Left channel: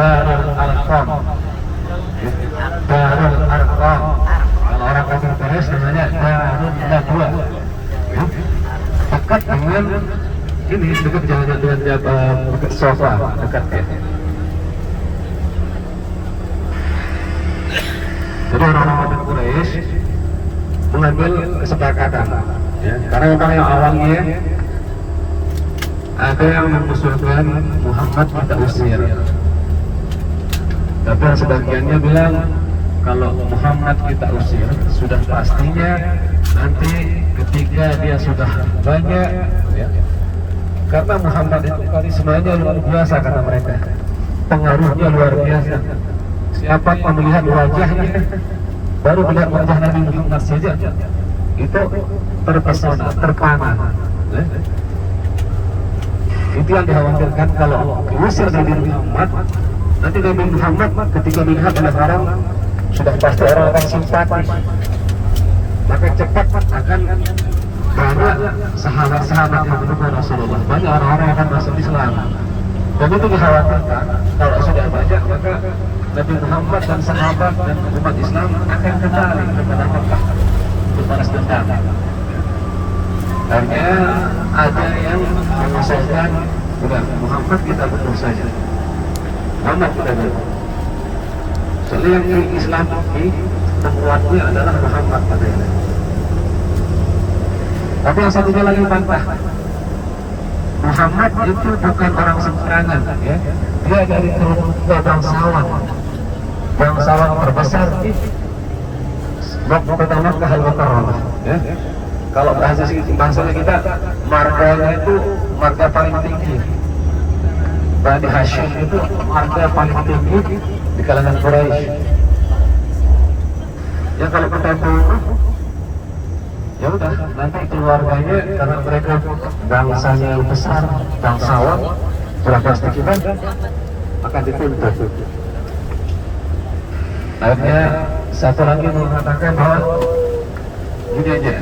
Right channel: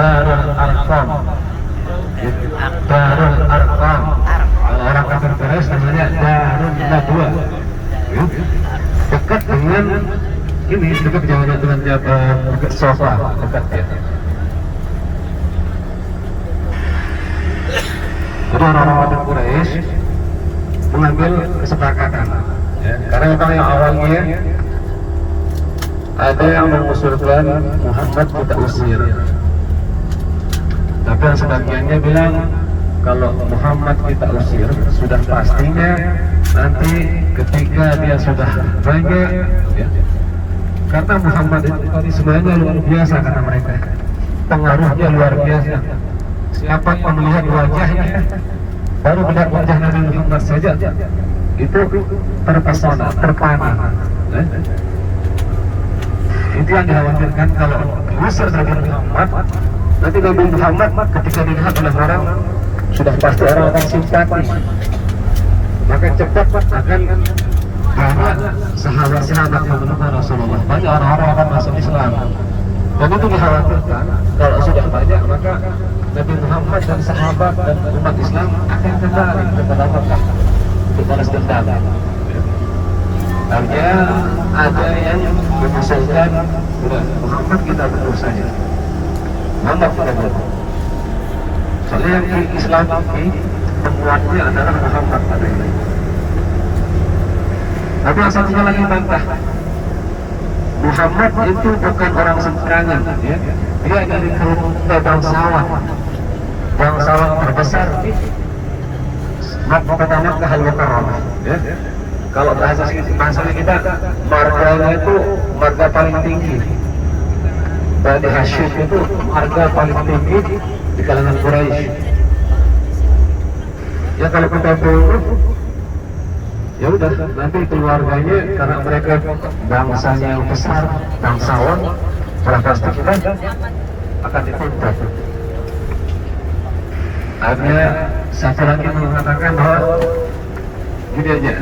Darul Arqam. Darul Arqam. Kalau orang kafir Quraisy namanya Darul Nadwa. Dekat dengan ini, dekat dengan dekat sofa, dekat ya. Jadi orang kafir Quraisy mengambil kesepakatan, ya, karena yang awalnya ada yang mengusulkan Muhammad kita usir, tapi yang sebagiannya bilang kalau Muhammad kita usir sudah pastinya nanti ketika dia sudah banyak, ya, karena Muhammad itu karismanya luar biasa kata mereka, pengaruhnya luar biasa. Siapa yang melihat wajahnya, baru melihat wajah Nabi Muhammad saja itu terpesona, terpana. Itu yang dikhawatirkan kalau diusir Nabi Muhammad, nanti Nabi Muhammad ketika dilihat oleh orang sudah pasti orang akan simpati, maka cepat akan banyak sahabat-sahabat yang mendukung Rasulullah, banyak orang-orang yang akan masuk Islam. Dan itu dikhawatirkan kalau sudah banyak maka Nabi Muhammad dan sahabat dan umat Islam akan kembali kepada Mekah untuk balas dendam. Hanya ada yang mengusulkan bukan Muhammad kita betul saja, Muhammad kita betul. Soalnya yang milik Islam ini penguatnya adalah Muhammad. Tapi yang satunya lagi bantah, Muhammad itu bukan orang sembarangan, ya. Dia dari keluarga bangsawan terbesar di pertama ke Al-Mukarramah, ya. Kalau bahasanya kita, marganya itu marga paling tinggi. Dari Hashim itu marga paling tinggi di kalangan Quraisy. Ya kalau kita buruk, ya udah nanti keluarganya karena mereka bangsanya yang besar, bangsawan, pasti kita akan dituntut. Akhirnya satu lagi mengatakan bahwa gini aja,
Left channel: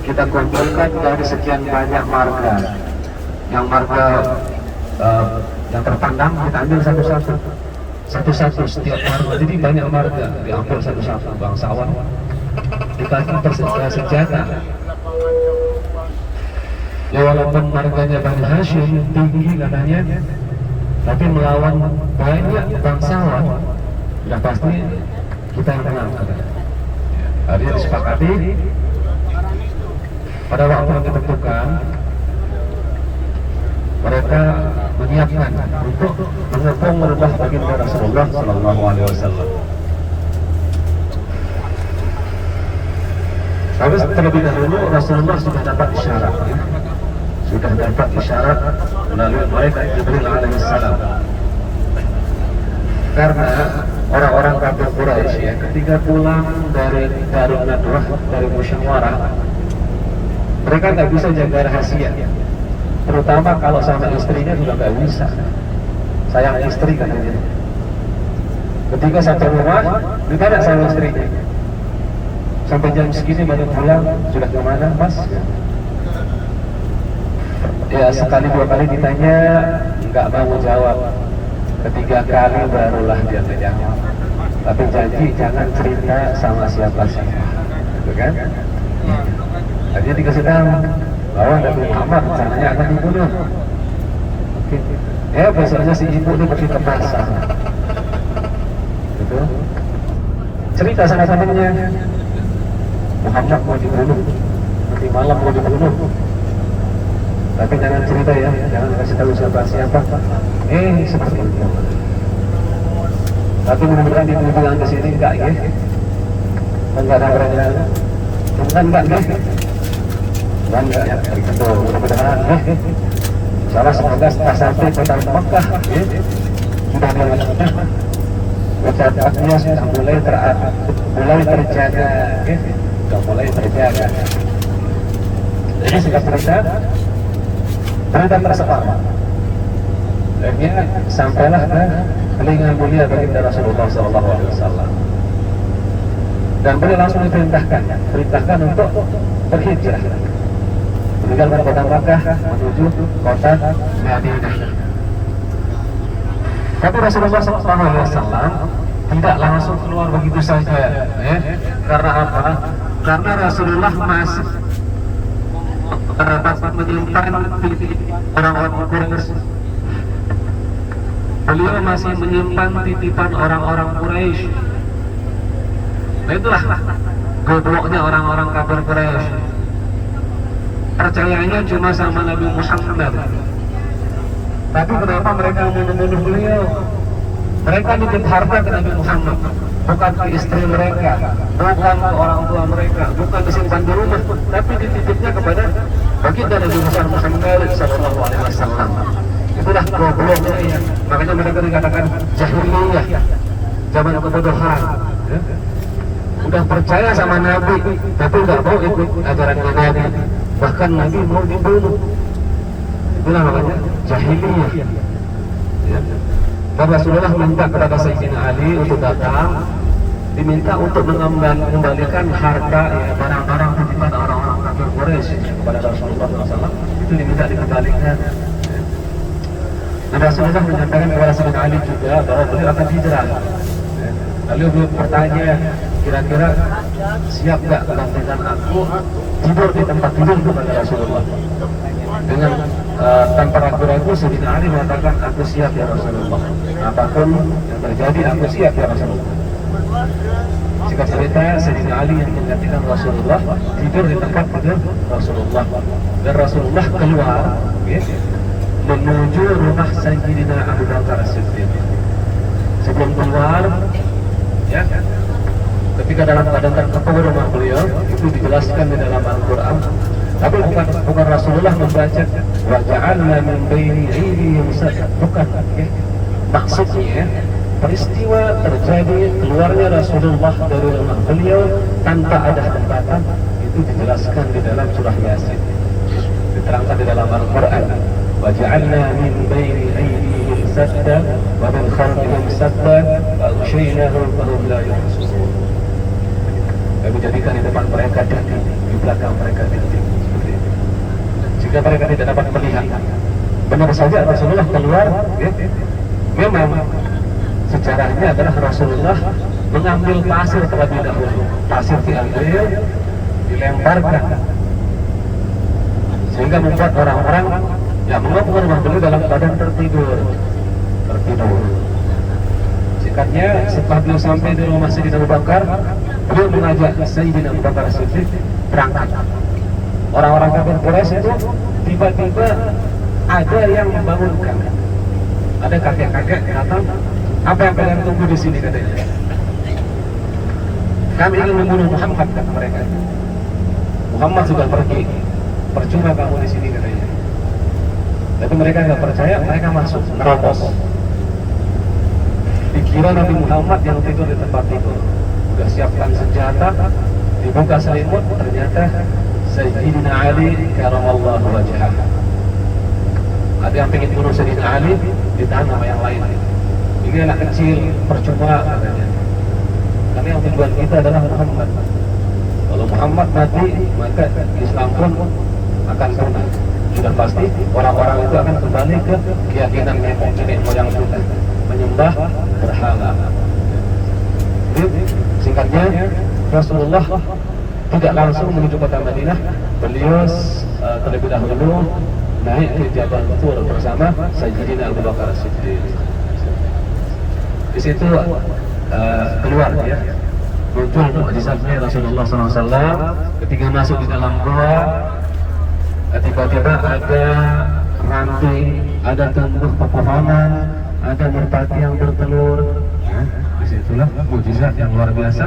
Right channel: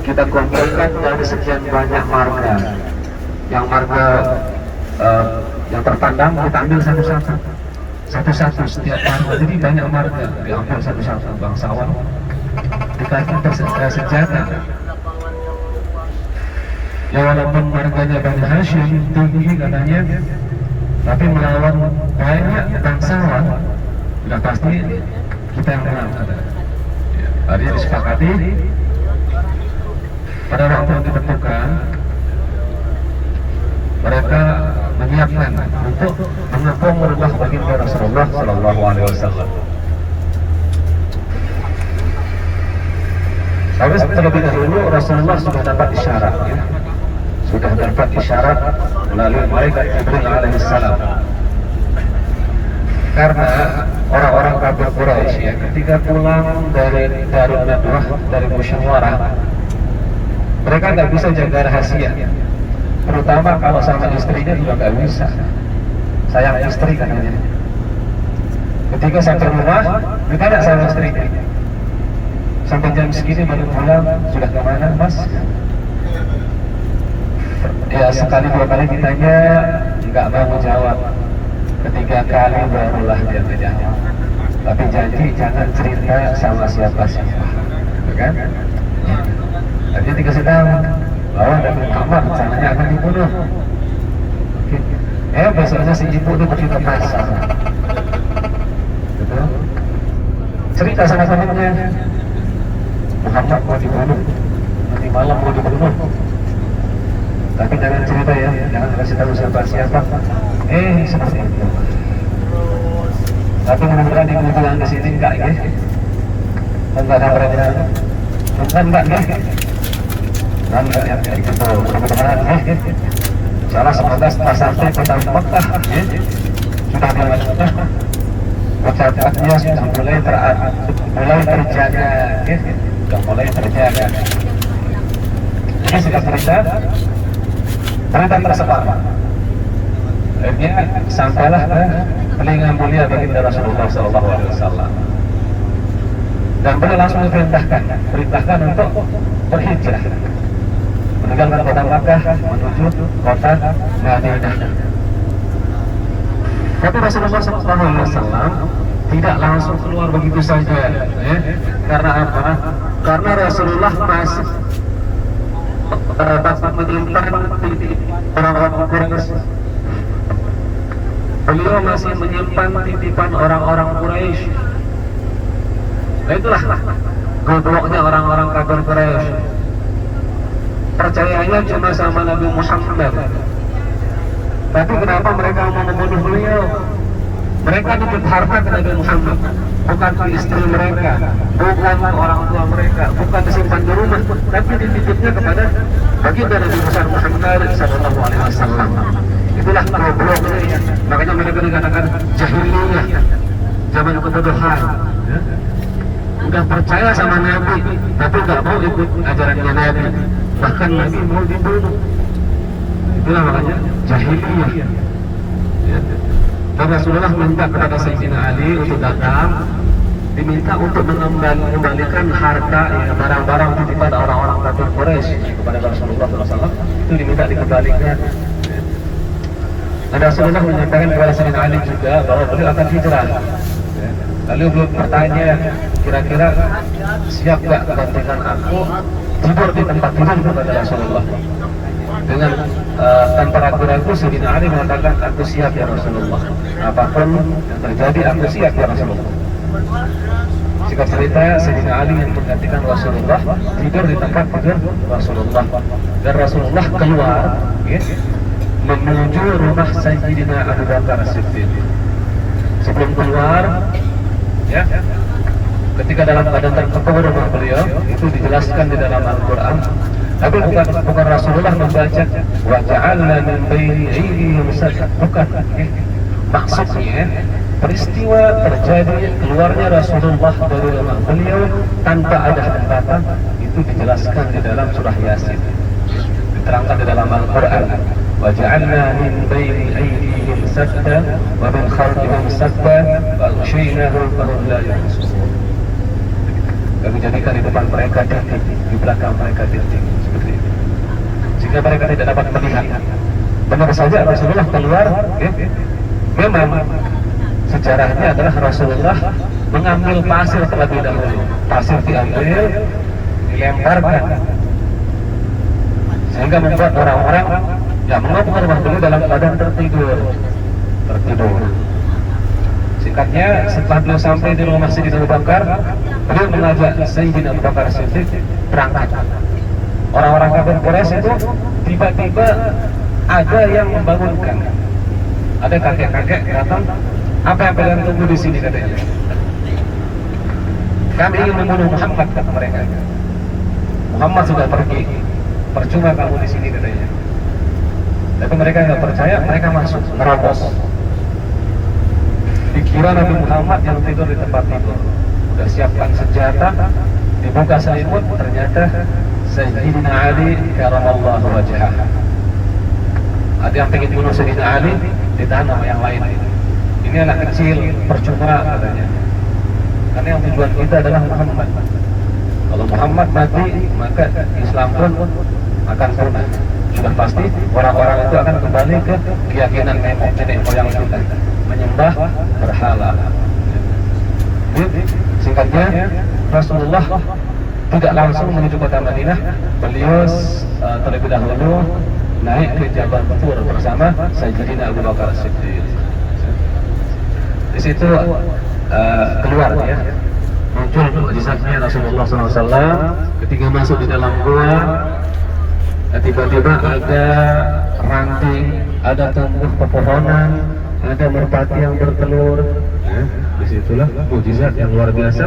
kita kumpulkan dari sekian banyak marga, yang marga yang terpandang kita ambil satu-satu setiap marga. Jadi banyak marga diambil satu-satu, bangsawan dikasih senjata. Ya walaupun marganya Bani Hashim tinggi katanya, tapi melawan banyak bangsawan sudah pasti kita yang menang. Akhirnya disepakati pada waktu yang ditentukan mereka menyiapkan untuk mengepung rumah baginda Rasulullah Shallallahu Alaihi Wasallam. Habis terlebih dahulu Rasulullah sudah dapat isyarat, ya. Sudah dapat isyarat melalui malaikat Jibril alaihissalam. Karena orang-orang kafir Quraisy, ya, ketika pulang dari Nadwah, dari musyawarah, mereka nggak bisa jaga rahasia. Terutama kalau sama istrinya juga nggak bisa. Sayang istri katanya. Ketika satu rumah, juga ada sama istrinya. Sampai jam segini baru pulang, sudah kemana mas? Ya sekali dua kali ditanya, nggak mau jawab. Ketiga kali barulah dia tanya. Tapi janji jangan cerita sama siapa-siapa, kan? Dia dikasih tahu, oh Nabi Muhammad rencananya akan dibunuh. Ya biasanya si ibu itu begitu pasang. Gitu. Cerita sama temannya, Muhammad mau dibunuh, nanti malam mau dibunuh. Tapi jangan cerita ya, jangan kasih tahu siapa-siapa. Seperti itu. Tapi mudah-mudahan di pulang ke sini enggak ya? Enggak ada pertanyaan. Enggak ya? Dan enggak ya? Kita mudah-mudahan ya. Salah semoga setelah sampai kota Mekah, ya, sudah ada sudah. Masyarakat sudah mulai terjaga, ya, sudah mulai terjaga. Jadi singkat cerita, berita tersebar. Akhirnya sampailah ke telinga mulia baginda Rasulullah SAW. Dan beliau langsung perintahkan untuk berhijrah meninggalkan kota Makkah menuju kota Madinah. Tapi Rasulullah SAW tidak langsung keluar begitu saja, ya. Karena apa? Karena Rasulullah masih menyimpan orang-orang Quraisy. Beliau masih menyimpan titipan orang-orang Quraisy. Nah itulah gobloknya orang-orang kafir Quraisy. Percayanya cuma sama Nabi Muhammad. Tapi kenapa mereka mau membunuh beliau? Mereka nitip harta ke Nabi Muhammad, bukan ke istri mereka, bukan ke orang tua mereka, bukan disimpan di rumah, tapi dititipnya kepada baginda Nabi Muhammad SAW. Itulah gobloknya. Makanya mereka dikatakan jahiliyah, zaman kebodohan. Udah percaya sama Nabi, tapi nggak mau ikut ajarannya Nabi. Bahkan Nabi mau dibunuh. Itulah makanya jahiliyah. Dan Rasulullah minta kepada Sayyidina Ali untuk datang, diminta untuk mengembalikan harta, ya, barang-barang titipan orang-orang kafir Quraisy kepada Rasulullah SAW. Itu diminta dikembalikan. Dan Rasulullah menyatakan kepada Sayyidina Ali juga bahwa beliau akan hijrah. Lalu beliau bertanya, kira-kira siap gak menggantikan aku tidur di tempat tidur kepada Rasulullah? Dengan tanpa ragu-ragu Sayyidina Ali mengatakan, aku siap ya Rasulullah, apapun yang terjadi aku siap ya Rasulullah. Singkat cerita, Sayyidina Ali yang menggantikan Rasulullah tidur di tempat tidur Rasulullah. Dan Rasulullah keluar, ya, menuju rumah Sayyidina Abu Bakar As-Siddiq. Sebelum keluar, ya, ketika dalam keadaan terkekang rumah beliau, itu dijelaskan di dalam Al-Quran. Tapi bukan Rasulullah membaca wa ja'alna min baini aydihim sadda, bukan, ya. Maksudnya peristiwa terjadi keluarnya Rasulullah dari rumah beliau tanpa ada hambatan, itu dijelaskan di dalam surah Yasin, diterangkan di dalam Al-Quran. Wa ja'alna min baini aydihim sadda wa min khalfihim sadda wa aghshaynahum fahum la yubsirun. Kami jadikan di depan mereka dinding, di belakang mereka dinding, seperti itu, sehingga mereka tidak dapat melihat. Benar saja Rasulullah keluar, memang sejarahnya adalah Rasulullah mengambil pasir terlebih dahulu. Pasir diambil, dilemparkan, sehingga membuat orang-orang yang mengambil rumah beliau dalam keadaan tertidur. Singkatnya, setelah beliau sampai di rumah Sayyidina Abu Bakar, beliau mengajak Sayyidina Abu Bakar As-Siddiq berangkat. Orang-orang kafir Quraisy itu tiba-tiba ada yang membangunkan. Ada kakek-kakek datang, apa yang kalian tunggu di sini katanya? Kami ingin membunuh Muhammad, kata mereka. Muhammad sudah pergi, percuma kamu di sini katanya. Tapi mereka nggak percaya, mereka masuk, merobos. Dikira Nabi Muhammad yang tidur di tempat itu. Sudah siapkan senjata, dibuka selimut, ternyata Sayyidina Ali karamallahu wajhah. Ada yang ingin bunuh Sayyidina Ali, ditahan sama yang lain. Ini anak kecil, percuma katanya. Karena yang tujuan kita adalah Muhammad. Kalau Muhammad mati, maka Islam pun akan punah. Sudah pasti orang-orang itu akan kembali ke keyakinan nenek moyang kita, menyembah berhala. Jadi, singkatnya, Rasulullah tidak langsung menuju kota Madinah. Beliau terlebih dahulu naik ke Jabal Tur bersama Sayyidina Abu Bakar As-Siddiq. Di situ keluar, ya, muncul mukjizatnya Rasulullah SAW ketika masuk di dalam gua. Tiba-tiba ada ranting, ada tumbuh pepohonan, ada merpati yang bertelur. Disitulah mukjizat yang luar biasa.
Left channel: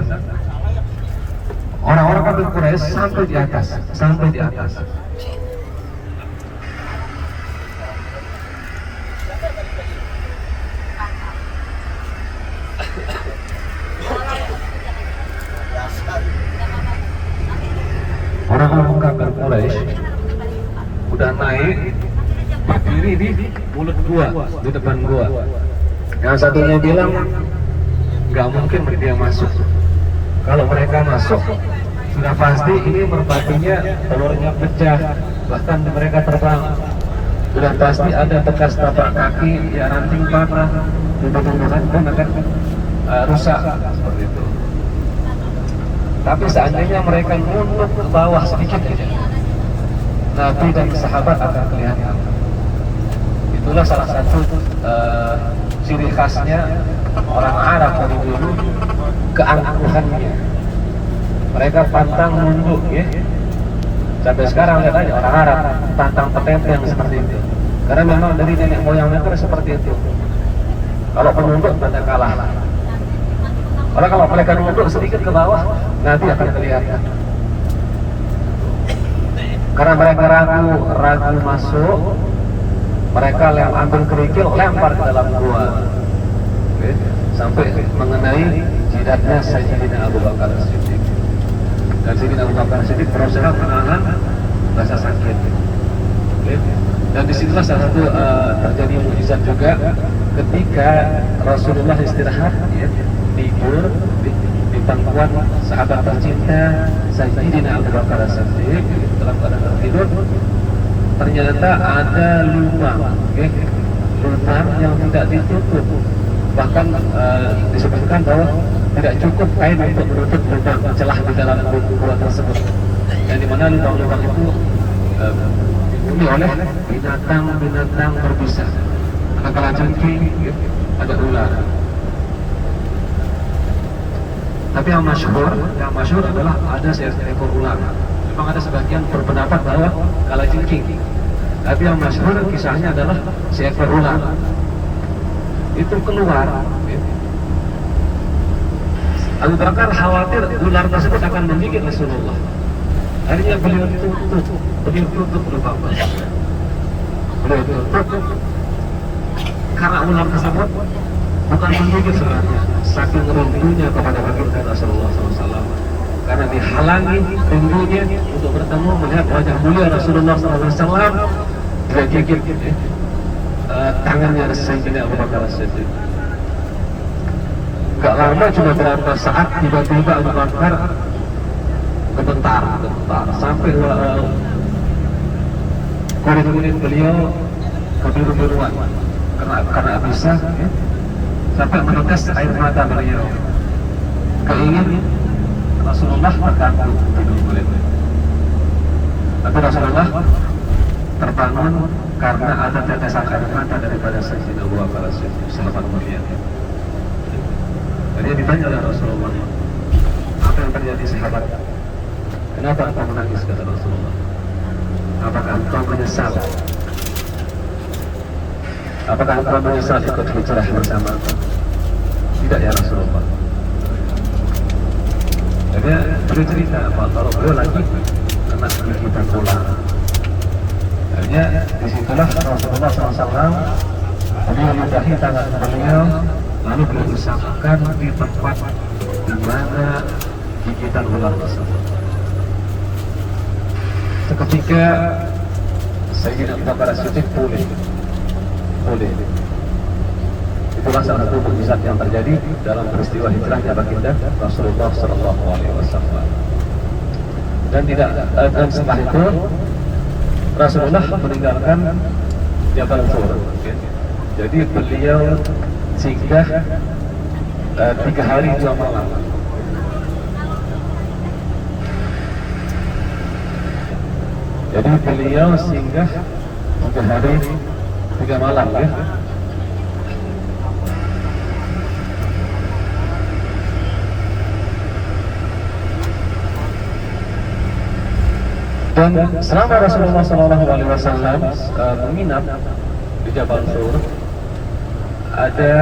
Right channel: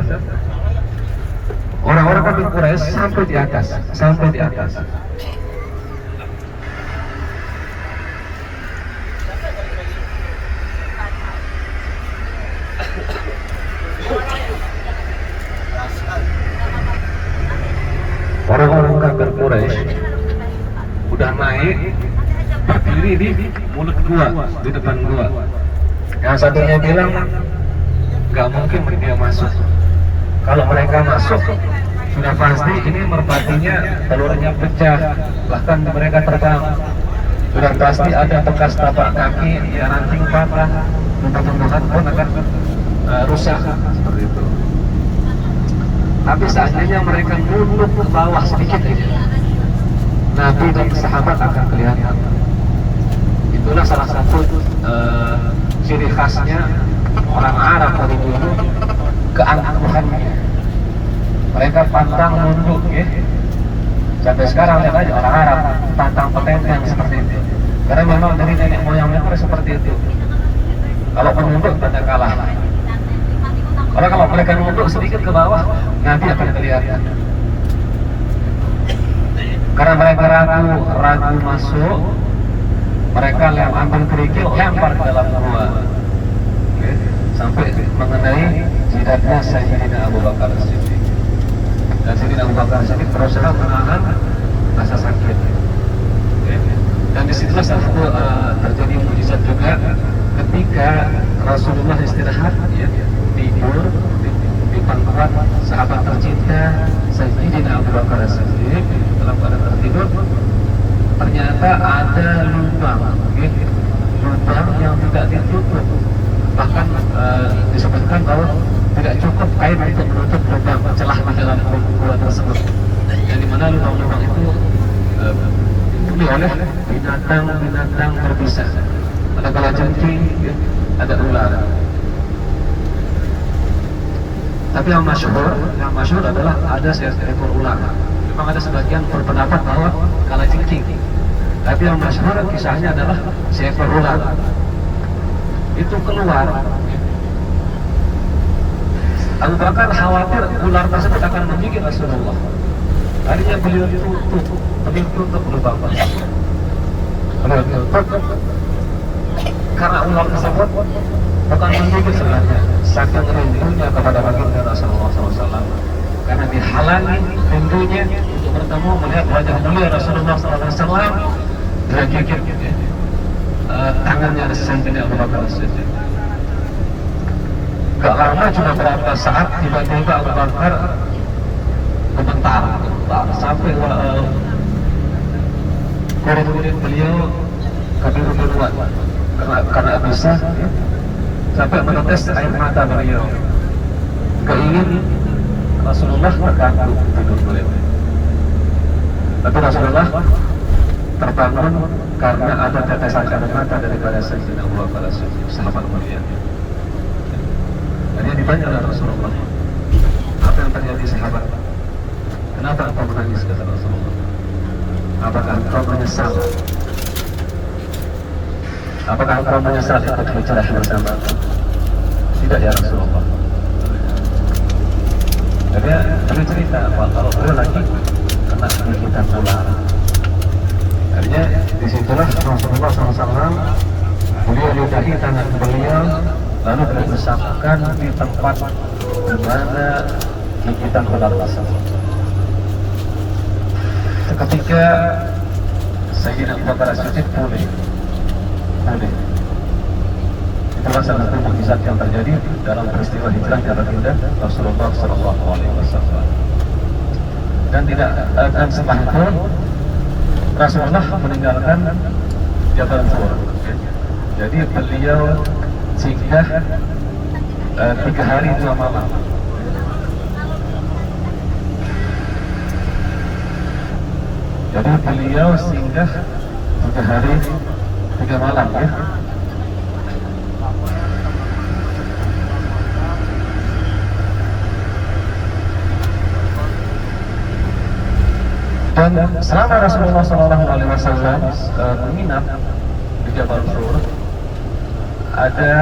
Orang-orang kafir Quraisy sampai di atas. Orang-orang kafir Quraisy udah naik, berdiri di mulut gua, di depan gua. Yang satunya bilang nggak mungkin dia masuk. Kalau mereka masuk, sudah pasti ini merpatinya telurnya pecah, bahkan mereka terbang. Sudah pasti ada bekas tapak kaki, ya ranting patah, tumbuh-tumbuhan pun akan rusak seperti itu. Tapi seandainya mereka nunduk ke bawah sedikit aja, Nabi dan sahabat akan kelihatan. Itulah salah satu ciri khasnya orang Arab pada dulu, keangkuhannya. Mereka pantang nunduk, ya. Sampai sekarang lihat aja orang Arab pantang petenteng seperti itu. Karena memang dari nenek moyang mereka seperti itu. Kalau menunduk tanda kalah. Karena kalau mereka nunduk sedikit ke bawah, Nabi akan kelihatan. Karena mereka ragu masuk, mereka ambil kerikil, lempar ke dalam gua, sampai mengenai jidatnya Sayyidina Abu Bakar As-Siddiq. Dan Sayyidina Abu Bakar As-Siddiq berusaha menahan rasa sakit. Dan disitulah salah satu terjadi mukjizat juga ketika Rasulullah istirahat, tidur di pangkuan sahabat tercinta Sayyidina Abu Bakar As-Siddiq dalam keadaan tertidur. Ternyata ada lubang yang tidak ditutup. Bahkan disebutkan bahwa tidak cukup kain untuk menutup lubang celah di dalam gua tersebut. Yang dimana lubang-lubang itu dipenuhi oleh binatang-binatang berbisa. Ada kalajengking, ada ular. Tapi yang masyhur adalah ada seekor ular. Memang ada sebagian berpendapat bahwa kalajengking. Tapi yang masyhur kisahnya adalah seekor ular. Itu keluar. Abu Bakar khawatir ular tersebut akan menggigit Rasulullah. Akhirnya beliau tutup lubang. Beliau tutup karena ular tersebut bukan menggigit sebenarnya, saking rindunya kepada baginda Rasulullah SAW. Karena dihalangi rindunya untuk bertemu melihat wajah mulia Rasulullah SAW, dia gigit tangannya Sayyidina Abu Bakar As-Siddiq. Gak lama cuma berapa saat tiba-tiba Abu Bakar bentar sampai kulit beliau kebiru-biruan karena bisa sampai menetes air mata beliau. Keingin Rasulullah terganggu tidur beliau. Tapi Rasulullah terbangun karena ada tetesan air mata daripada Sayyidina Abu Bakar As-Siddiq, sahabat mulia. Dia ditanya oleh Rasulullah, apa yang terjadi sahabat? Kenapa engkau menangis, kata Rasulullah? Apakah engkau menyesal? Apakah engkau menyesal ikut hijrah bersama aku? Tidak ya Rasulullah. Dia cerita kalau beliau lagi kena gigitan ular. Akhirnya disitulah Rasulullah SAW beliau ludahi tangan beliau, lalu beliau bersamakan di tempat di mana gigitan ular tersebut. Ketika Sayyidina Abu Bakar As-Siddiq pulih. Itulah salah satu mukjizat yang terjadi dalam peristiwa hijrahnya baginda Rasulullah SAW. Dan setelah itu Rasulullah meninggalkan Jabal Tur. Jadi beliau singgah 3 hari 2 malam. Jadi beliau singgah 3 hari 3 malam, ya. Dan selama Rasulullah SAW menginap di Jabal Tur, ada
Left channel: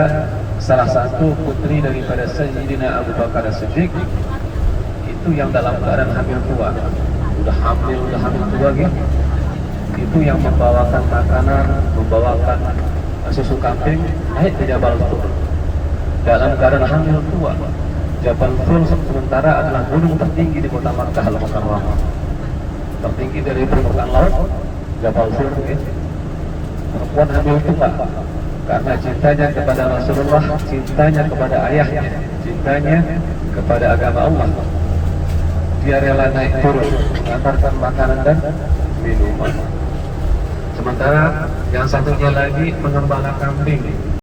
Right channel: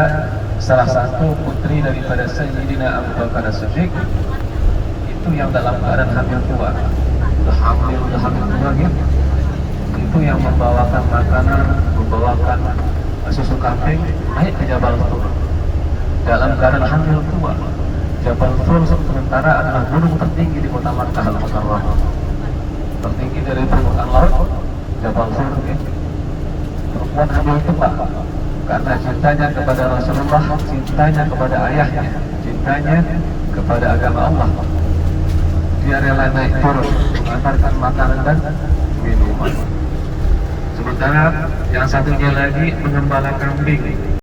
salah satu putri daripada Sayyidina Abu Bakar As-Siddiq itu yang dalam keadaan hamil tua, udah hamil tua, gitu. Itu yang membawakan makanan, membawakan susu kambing naik ke Jabal Tur dalam keadaan hamil tua. Jabal Tur sementara adalah gunung tertinggi di kota Makkah Al-Mukarramah, tertinggi dari permukaan laut. Jabal Tur, perempuan hamil tua karena cintanya kepada Rasulullah, cintanya kepada ayahnya, cintanya kepada agama Allah. Dia rela naik turun mengantarkan makanan dan minuman. Sementara Yang satunya lagi mengembala kambing.